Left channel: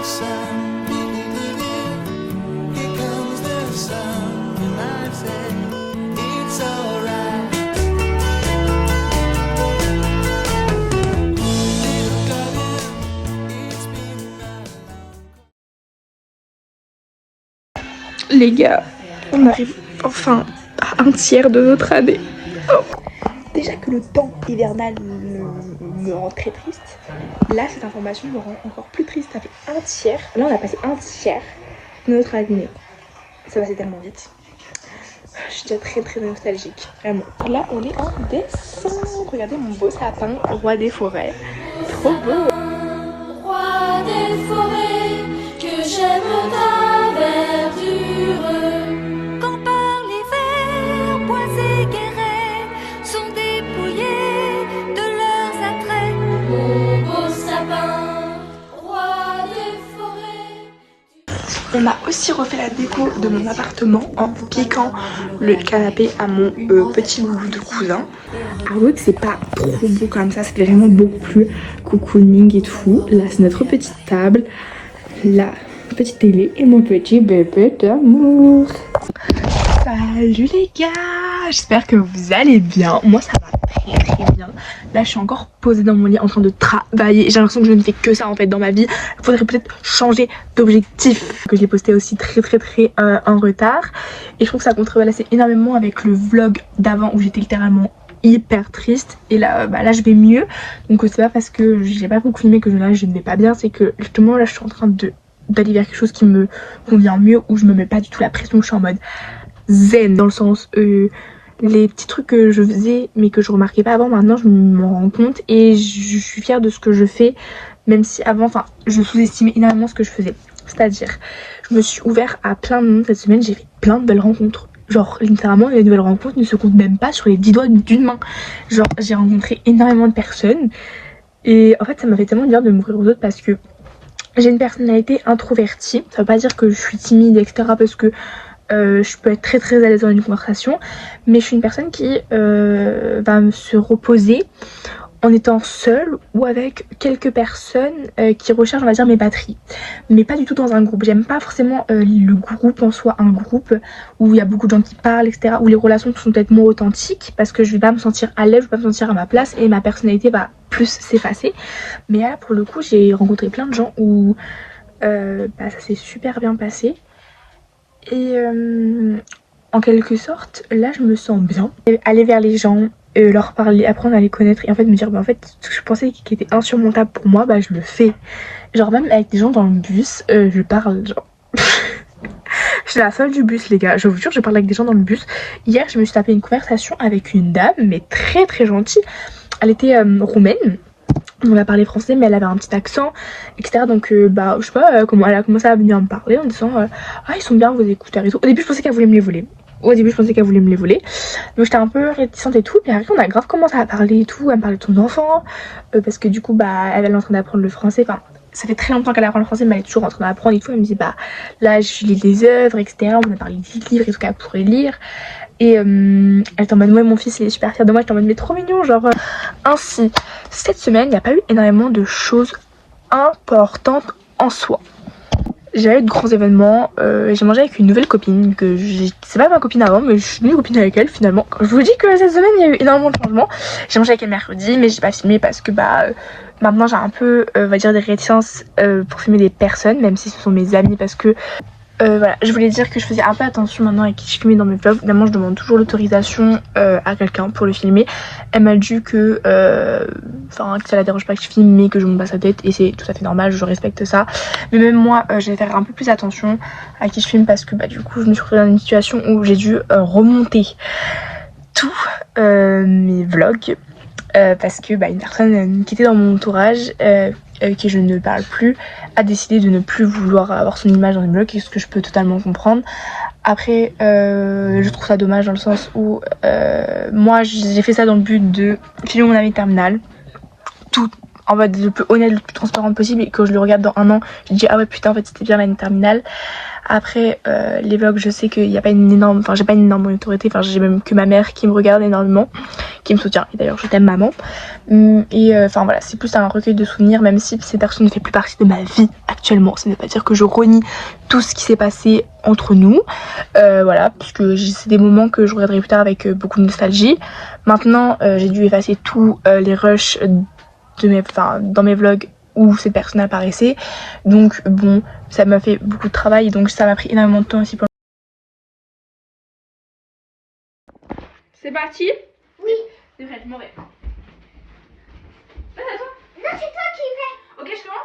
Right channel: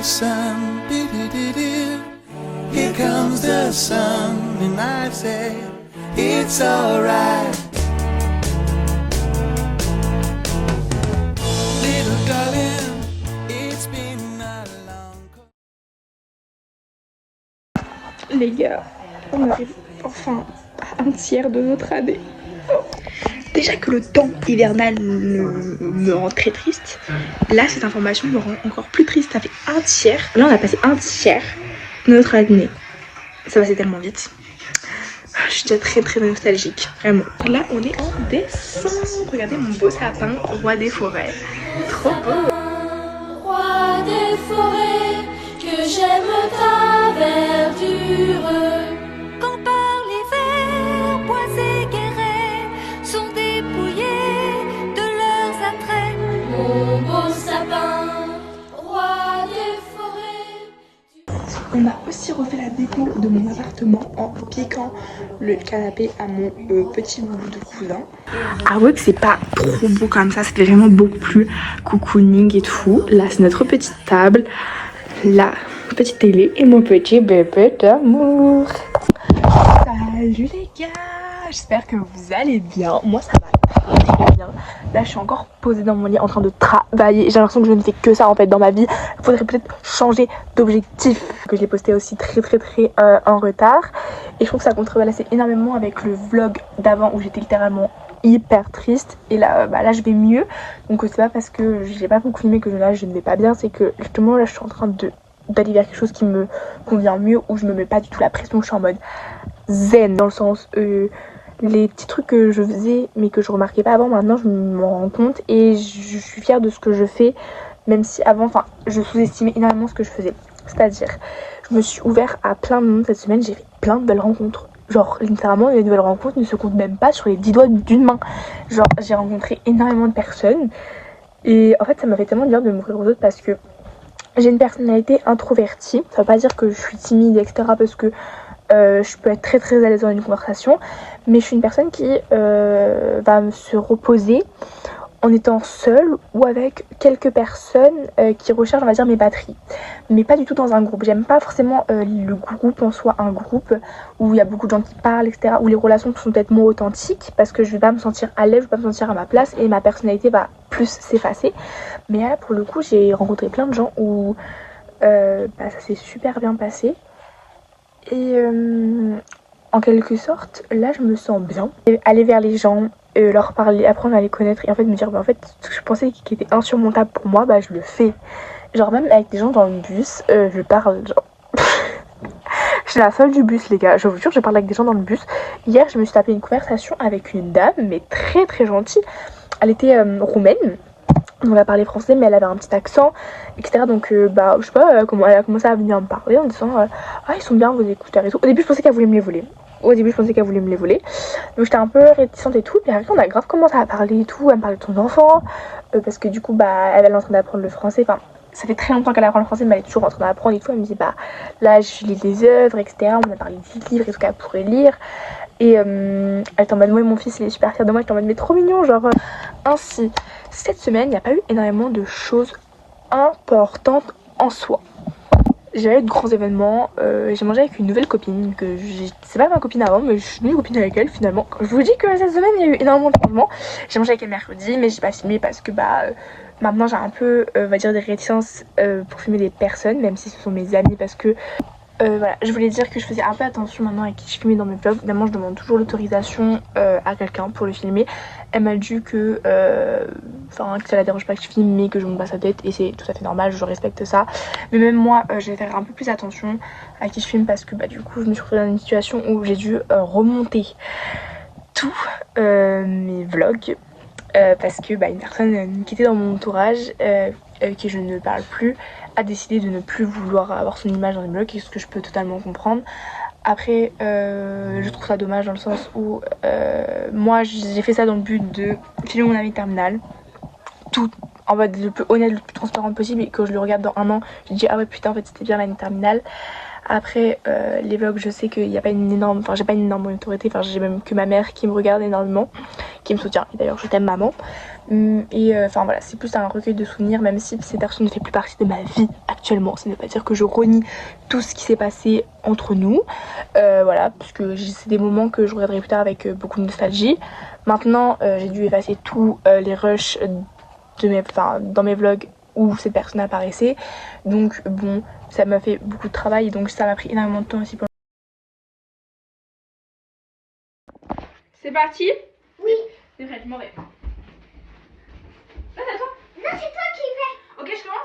the sun, here comes the sun, and I say it's alright. Little darling, it's been a long. Les gars, on arrive enfin à un tiers de notre année. Oh. Déjà que le temps hivernal me rend très triste, là cette information me rend encore plus triste. Ça fait un tiers, là on a passé un tiers de notre année. Ça passait tellement vite. Je suis déjà très nostalgique, vraiment. Là on est en décembre. Regardez mon beau sapin, roi des forêts. Trop beau. Roi des forêts, que j'aime ta verdure. Quand par l'hiver, bois et guérets sont dépouillés de leurs attraits. Mon beau sapin, roi des forêts. On a aussi refait la déco de mon appartement en piquant le canapé à mon petit bout de cousin. Avouez que c'est pas trop beau comme ça, c'était vraiment beaucoup plus cocooning et tout. Là c'est notre petite table, la petite télé et mon petit bébé d'amour. Salut les gars, j'espère que vous allez bien. Moi ça va très bien. Là je suis encore posée dans mon lit en train de travailler. J'ai l'impression que je ne fais que ça en fait dans ma vie. Il faudrait peut-être changer d'objectif. Que j'ai posté aussi très en retard. Et je trouve que ça contrebalançait énormément avec le vlog d'avant où j'étais littéralement hyper triste. Et là, là je vais mieux. Donc c'est pas parce que j'ai pas beaucoup filmé que là je ne vais pas bien. C'est que justement là je suis en train d'aller vers quelque chose qui me convient mieux. Où je me mets pas du tout la pression. Je suis en mode zen dans le sens... les petits trucs que je faisais mais que je remarquais pas avant, maintenant je m'en rends compte et je suis fière de ce que je fais, même si avant, enfin, je sous-estimais énormément ce que je faisais. C'est-à-dire, je me suis ouvert à plein de monde cette semaine, j'ai fait plein de belles rencontres. Genre, littéralement, les nouvelles rencontres ne se comptent même pas sur les 10 doigts d'une main. Genre, j'ai rencontré énormément de personnes et en fait, ça m'a fait tellement bien de m'ouvrir aux autres parce que j'ai une personnalité introvertie. Ça veut pas dire que je suis timide, etc. parce que je peux être très à l'aise dans une conversation, mais je suis une personne qui va se reposer en étant seule ou avec quelques personnes qui recherchent, on va dire, mes batteries, mais pas du tout dans un groupe. J'aime pas forcément le groupe en soi, un groupe où il y a beaucoup de gens qui parlent, etc., où les relations sont peut-être moins authentiques parce que je vais pas me sentir à l'aise, je vais pas me sentir à ma place et ma personnalité va plus s'effacer. Mais là pour le coup j'ai rencontré plein de gens où ça s'est super bien passé. Et en quelque sorte, là je me sens bien. Aller vers les gens, leur parler, apprendre à les connaître et en fait me dire, en fait, ce que je pensais qui était insurmontable pour moi, je le fais. Genre même avec des gens dans le bus, je parle, genre... Je suis la seule du bus les gars, je vous jure, je parle avec des gens dans le bus. Hier je me suis tapé une conversation avec une dame, mais très gentille. Elle était roumaine. On a parlé français mais elle avait un petit accent, etc. Donc je sais pas comment elle a commencé à venir me parler en disant ah ils sont bien vos écouteurs et tout. Au début je pensais qu'elle voulait me les voler. Donc j'étais un peu réticente et tout. Puis après on a grave commencé à parler et tout. Elle me parlait de son enfant. Parce que du coup elle est en train d'apprendre le français. Enfin ça fait très longtemps qu'elle apprend le français mais elle est toujours en train d'apprendre et tout. Elle me dit là je lis des œuvres, etc. On a parlé de livres et tout qu'elle pourrait lire. Et elle était en mode ouais mon fils il est super fier de moi. J'étais en mode mais trop mignon genre ainsi. Cette semaine il n'y a pas eu énormément de choses importantes en soi. J'ai eu de grands événements, j'ai mangé avec une nouvelle copine que c'est pas ma copine avant mais je suis devenue copine avec elle finalement. Je vous dis que cette semaine il y a eu énormément de changements. J'ai mangé avec elle mercredi mais j'ai pas filmé parce que maintenant j'ai un peu on va dire des réticences pour filmer des personnes même si ce sont mes amis parce que voilà, je voulais dire que je faisais un peu attention maintenant à qui je filmais dans mes vlogs. Évidemment, je demande toujours l'autorisation à quelqu'un pour le filmer. Elle m'a dit que ça la dérange pas que je filme, mais que je monte pas sa tête. Et c'est tout à fait normal, je respecte ça. Mais même moi, je vais faire un peu plus attention à qui je filme parce que du coup, je me suis retrouvée dans une situation où j'ai dû remonter tous mes vlogs. Parce que une personne qui était dans mon entourage avec qui je ne parle plus a décidé de ne plus vouloir avoir son image dans les vlogs, ce que je peux totalement comprendre. Après je trouve ça dommage dans le sens où moi j'ai fait ça dans le but de filmer mon année terminale, tout en mode le plus honnête, le plus transparent possible, et quand je le regarde dans un an je dis ah ouais putain en fait c'était bien l'année terminale. Après les vlogs, je sais qu'il n'y a pas une énorme, enfin j'ai pas une énorme autorité, enfin j'ai même que ma mère qui me regarde énormément, qui me soutient, et d'ailleurs je t'aime maman. Et enfin voilà, c'est plus un recueil de souvenirs, même si ces personnes ne fait plus partie de ma vie actuellement. Ça ne veut pas dire que je renie tout ce qui s'est passé entre nous, voilà, parce que c'est des moments que je regarderai plus tard avec beaucoup de nostalgie. Maintenant j'ai dû effacer tous les rushs de dans mes vlogs où cette personne apparaissait, donc bon, ça m'a fait beaucoup de travail, donc ça m'a pris énormément de temps aussi pour... C'est parti? Oui. C'est prêt, je m'en vais. Non, c'est toi qui fais. Ok, je commence.